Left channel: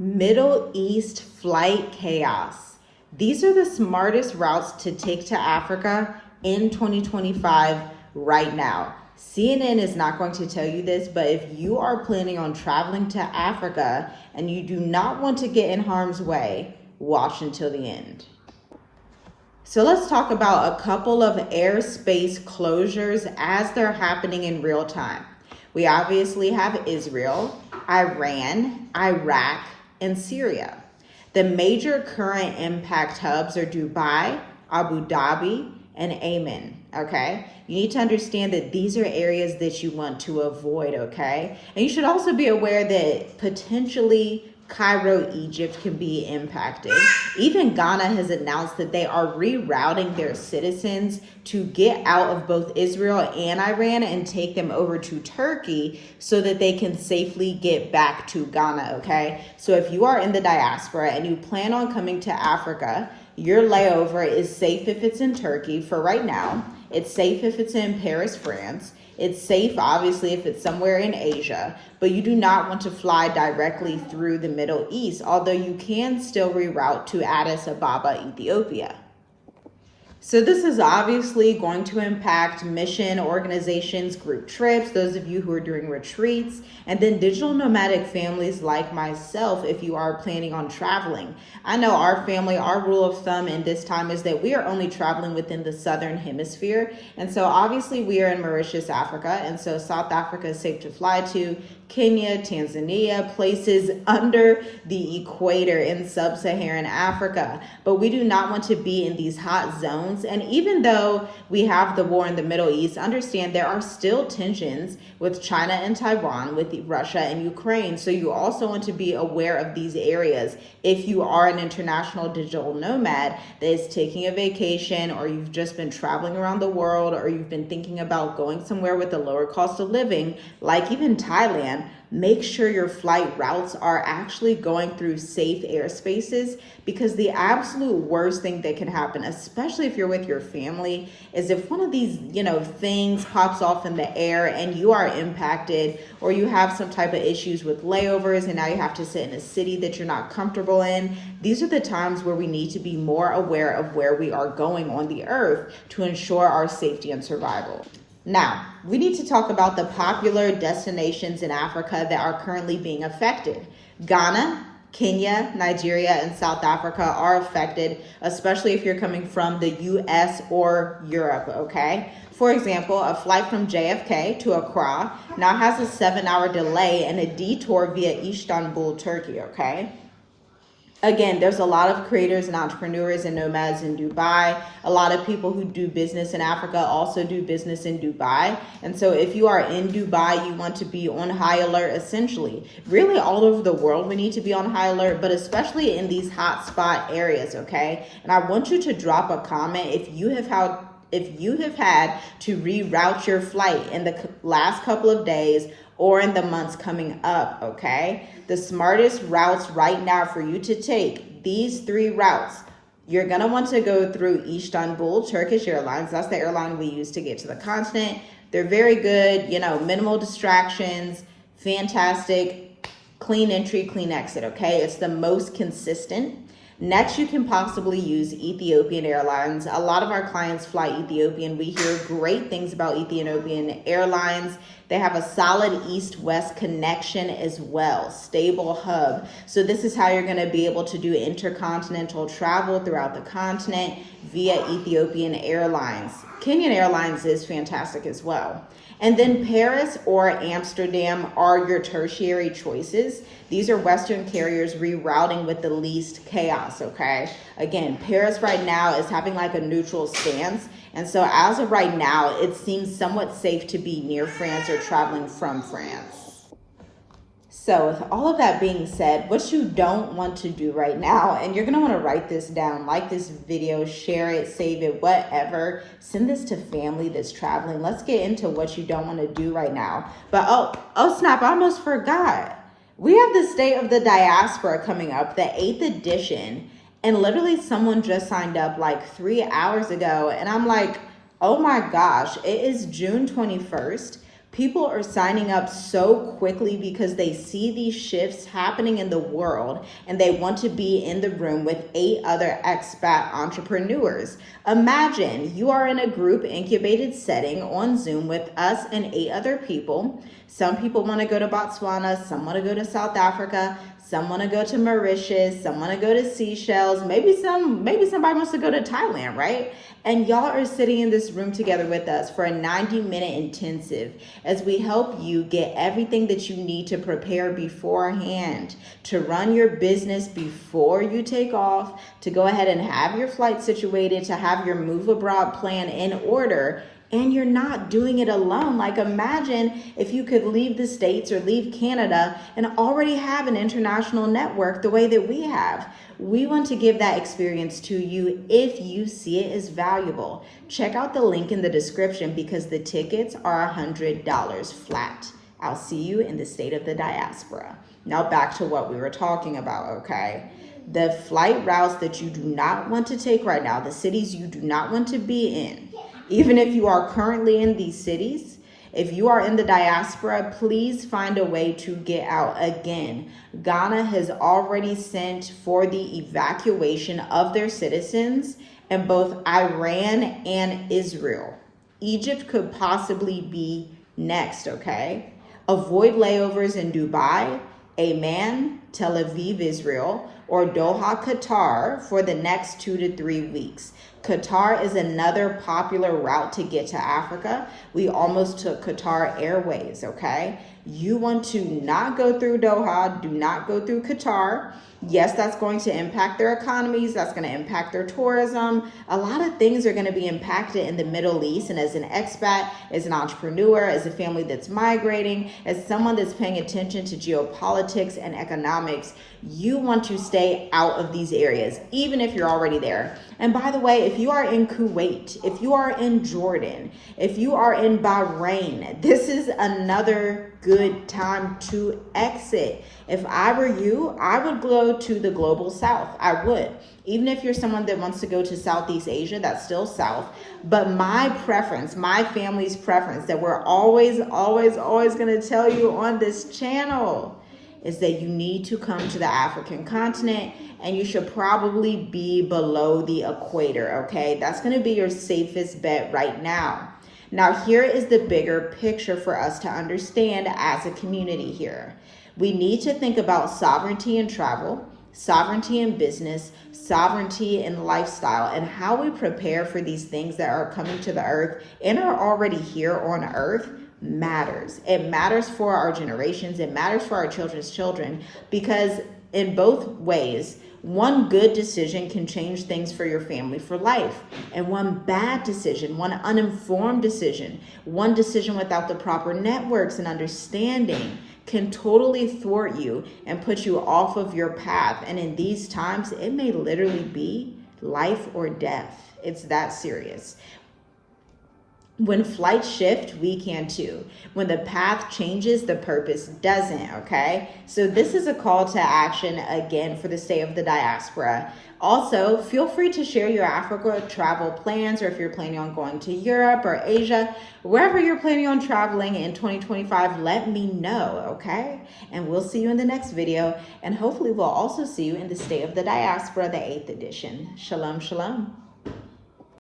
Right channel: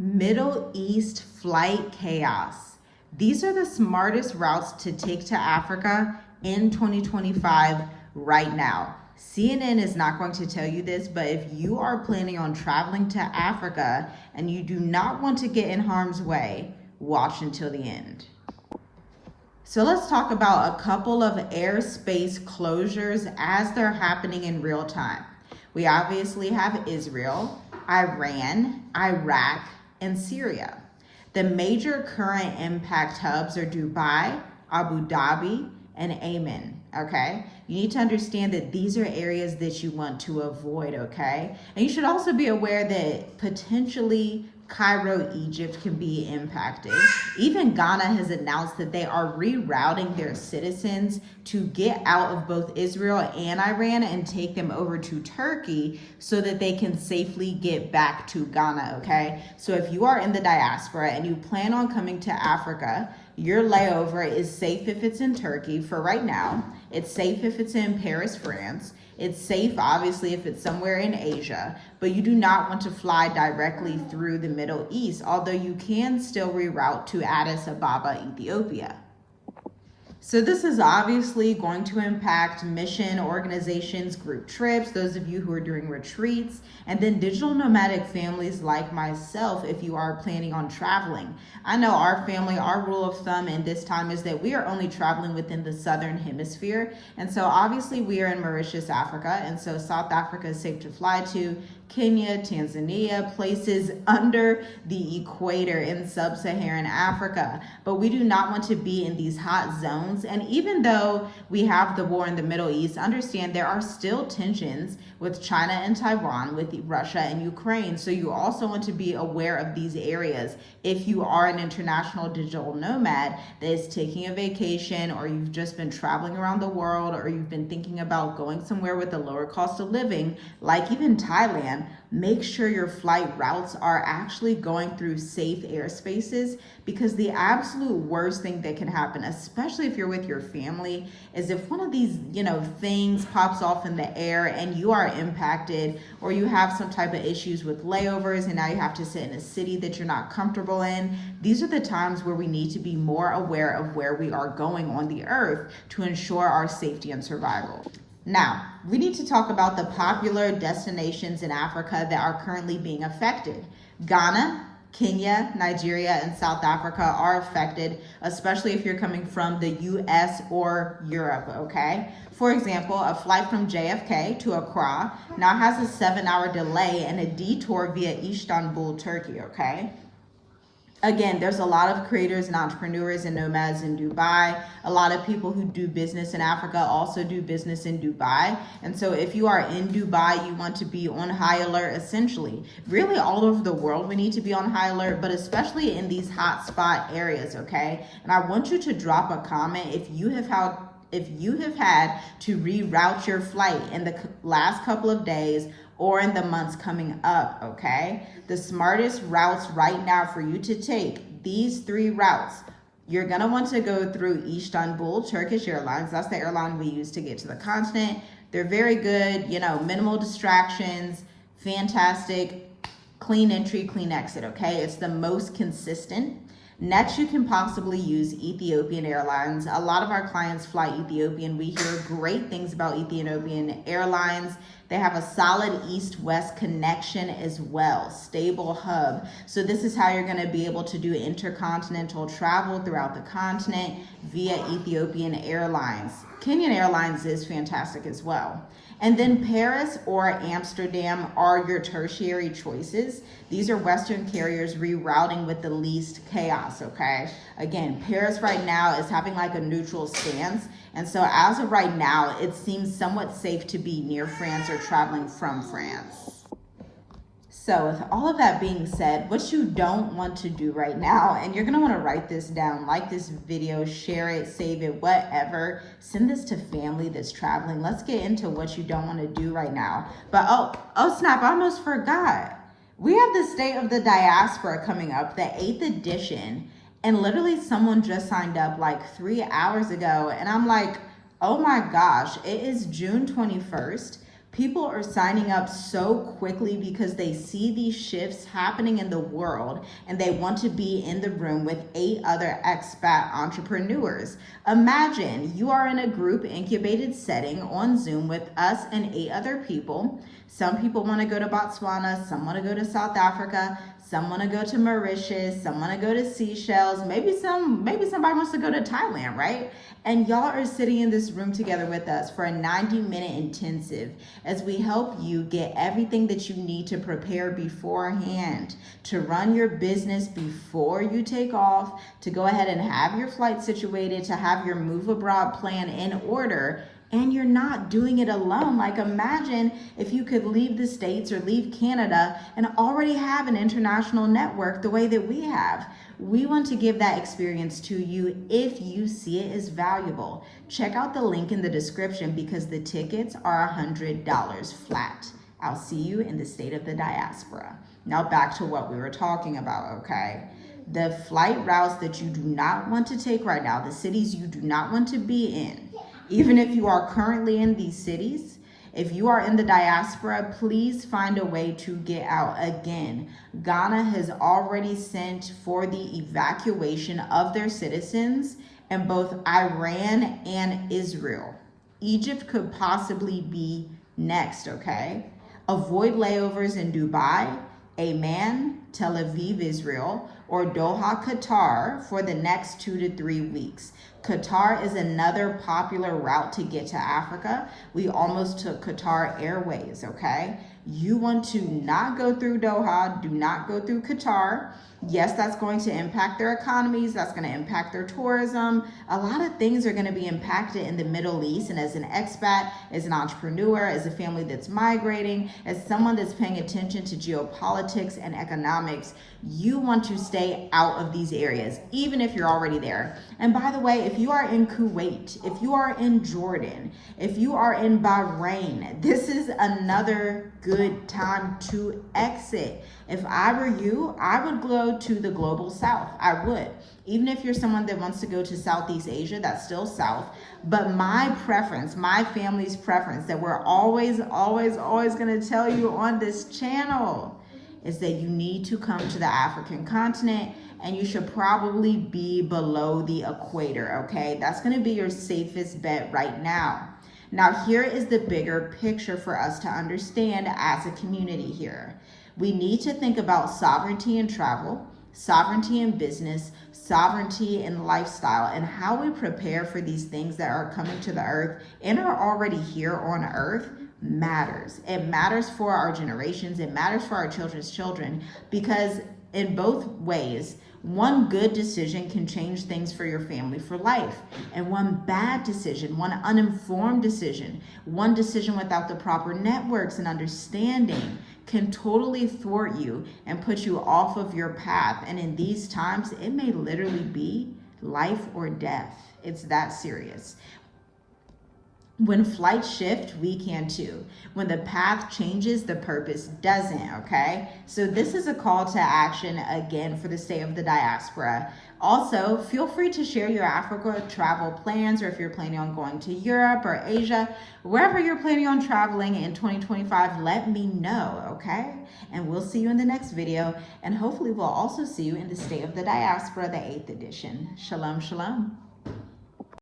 Middle East flight chaos. These are the smartest routes to take to Africa in 2025 right now. CNN is not going to tell you this, but if you are planning on traveling to Africa and you do not want to get in harm's way, watch until the end. So let's talk about a couple of airspace closures as they're happening in real time. We obviously have Israel, Iran, Iraq, and Syria. The major current impact hubs are Dubai, Abu Dhabi, and Amman, okay? You need to understand that these are areas that you want to avoid, okay? And you should also be aware that potentially Cairo, Egypt can be impacted. Even Ghana has announced that they are rerouting their citizens to get out of both Israel and Iran and take them over to Turkey so that they can safely get back to Ghana, okay? So if you are in the diaspora and you plan on coming to Africa, your layover is safe if it's in Turkey for right now. It's safe if it's in Paris, France. It's safe, obviously, if it's somewhere in Asia, but you do not want to fly directly through the Middle East, although you can still reroute to Addis Ababa, Ethiopia. So this is obviously going to impact mission organizations, group trips, those of you who are doing retreats, and then digital nomadic families like myself if you are planning on traveling. I know our family, our rule of thumb in this time is that we are only traveling within the southern hemisphere. And so obviously we are in Mauritius, Africa, and so South Africa is safe to fly to. Kenya, Tanzania, places under the equator in sub-Saharan Africa. But we do not want to be in these hot zones. And even though we have the war in the Middle East, understand there are still tensions with China and Taiwan, with Russia and Ukraine. So you also want to be aware of these areas. If you are an international digital nomad that is taking a vacation, or you've just been traveling around the world, or you've been thinking about going somewhere with a lower cost of living, like even Thailand, make sure your flight routes are actually going through safe airspaces, because the absolute worst thing that can happen, especially if you're with your family, is if one of these, things pops off in the air and you are impacted, or you have some type of issues with layovers and now you have to sit in a city that you're not comfortable in. These are the times where we need to be more aware of where we are going on the earth to ensure our safety and survival. Now, we need to talk about the popular destinations in Africa that are currently being affected. Ghana, Kenya, Nigeria, and South Africa are affected, especially if you're coming from the US or Europe, okay? For example, a flight from JFK to Accra now has a 7-hour delay and a detour via Istanbul, Turkey, okay? Again, there's a lot of creators and entrepreneurs and nomads in Dubai. A lot of people who do business in Africa also do business in Dubai. And so if you are in Dubai, you want to be on high alert, essentially. Really all over the world, we need to be on high alert, but especially in these hotspot areas, okay? And I want you to drop a comment if you have had to reroute your flight in the last couple of days or in the months coming up, okay? The smartest routes right now for you to take, these 3 routes. You're gonna want to go through Istanbul, Turkish Airlines. That's the airline we use to get to the continent. They're very good, minimal distractions, fantastic, clean entry, clean exit, okay? It's the most consistent. Next, you can possibly use Ethiopian Airlines. A lot of our clients fly Ethiopian. We hear great things about Ethiopian Airlines. They have a solid east-west connection as well, stable hub. So this is how you're gonna be able to do intercontinental travel throughout the continent via Ethiopian Airlines. Kenyan Airlines is fantastic as well. And then Paris or Amsterdam are your tertiary choices. These are Western carriers rerouting with the least chaos, okay? Again, Paris right now is having like a neutral stance. And so as of right now, it seems somewhat safe to be near France or traveling from France. So with all of that being said, what you don't want to do right now, and you're gonna wanna write this down, like this video, share it, save it, whatever, send this to family that's traveling. Let's get into what you don't wanna do right now. But oh snap, I almost forgot. We have the State of the Diaspora coming up, the 8th edition, and literally someone just signed up like 3 hours ago, and I'm like, oh my gosh, it is June 21st. People are signing up so quickly because they see these shifts happening in the world and they want to be in the room with 8 other expat entrepreneurs. Imagine you are in a group incubated setting on Zoom with us and 8 other people. Some people want to go to Botswana, some want to go to South Africa, some want to go to Mauritius, some want to go to Seychelles, maybe somebody wants to go to Thailand, right? And y'all are sitting in this room together with us for a 90-minute intensive as we help you get everything that you need to prepare beforehand, to run your business before you take off, to go ahead and have your flight situated, to have your move abroad plan in order. And you're not doing it alone. Like, imagine if you could leave the States or leave Canada and already have an international network the way that we have. We want to give that experience to you if you see it as valuable. Check out the link in the description because the tickets are $100 flat. I'll see you in the state of the diaspora. Now back to what we were talking about, okay? The flight routes that you do not want to take right now, the cities you do not want to be in, even if you are currently in these cities, if you are in the diaspora, please find a way to get out. Again, Ghana has already sent for the evacuation of their citizens in both Iran and Israel. Egypt could possibly be next, okay? Avoid layovers in Dubai, Amman, Tel Aviv, Israel, or Doha, Qatar for the next 2 to 3 weeks. Qatar is another popular route to get to Africa. We almost took Qatar Airways, okay? You want to not go through Doha, do not go through Qatar. Yes, that's going to impact their economies. That's going to impact their tourism. A lot of things are going to be impacted in the Middle East. And as an expat, as an entrepreneur, as a family that's migrating, as someone that's paying attention to geopolitics and economics, you want to stay out of these areas, even if you're already there. And by the way, if you are in Kuwait, if you are in Jordan, if you are in Bahrain, this is another good time to exit. If I were you, I would go to the global south. I would. Even if you're someone that wants to go to Southeast Asia, that's still south. But my preference, my family's preference that we're always going to tell you on this channel is that you need to come to the African continent and you should probably be below the equator, okay? That's going to be your safest bet right now. Now, here is the bigger picture for us to understand as a community here. We need to think about sovereignty in travel, sovereignty in business, sovereignty in lifestyle, and how we prepare for these things that are coming to the earth and are already here on earth matters. It matters for our generations. It matters for our children's children, because in both ways, one good decision can change things for your family for life. And one bad decision, one uninformed decision, one decision without the proper networks and understanding can totally thwart you and put you off of your path. And in these times, it may literally be life or death. It's that serious. When flights shift, we can too. When the path changes, the purpose doesn't, okay? So this is a call to action again for the state of the diaspora. Also, feel free to share your Africa travel plans, or if you're planning on going to Europe or Asia, wherever you're planning on traveling in 2025, let me know, okay? And we'll see you in the next video. And hopefully we'll also see you in the state of the diaspora, the 8th edition. Shalom, shalom.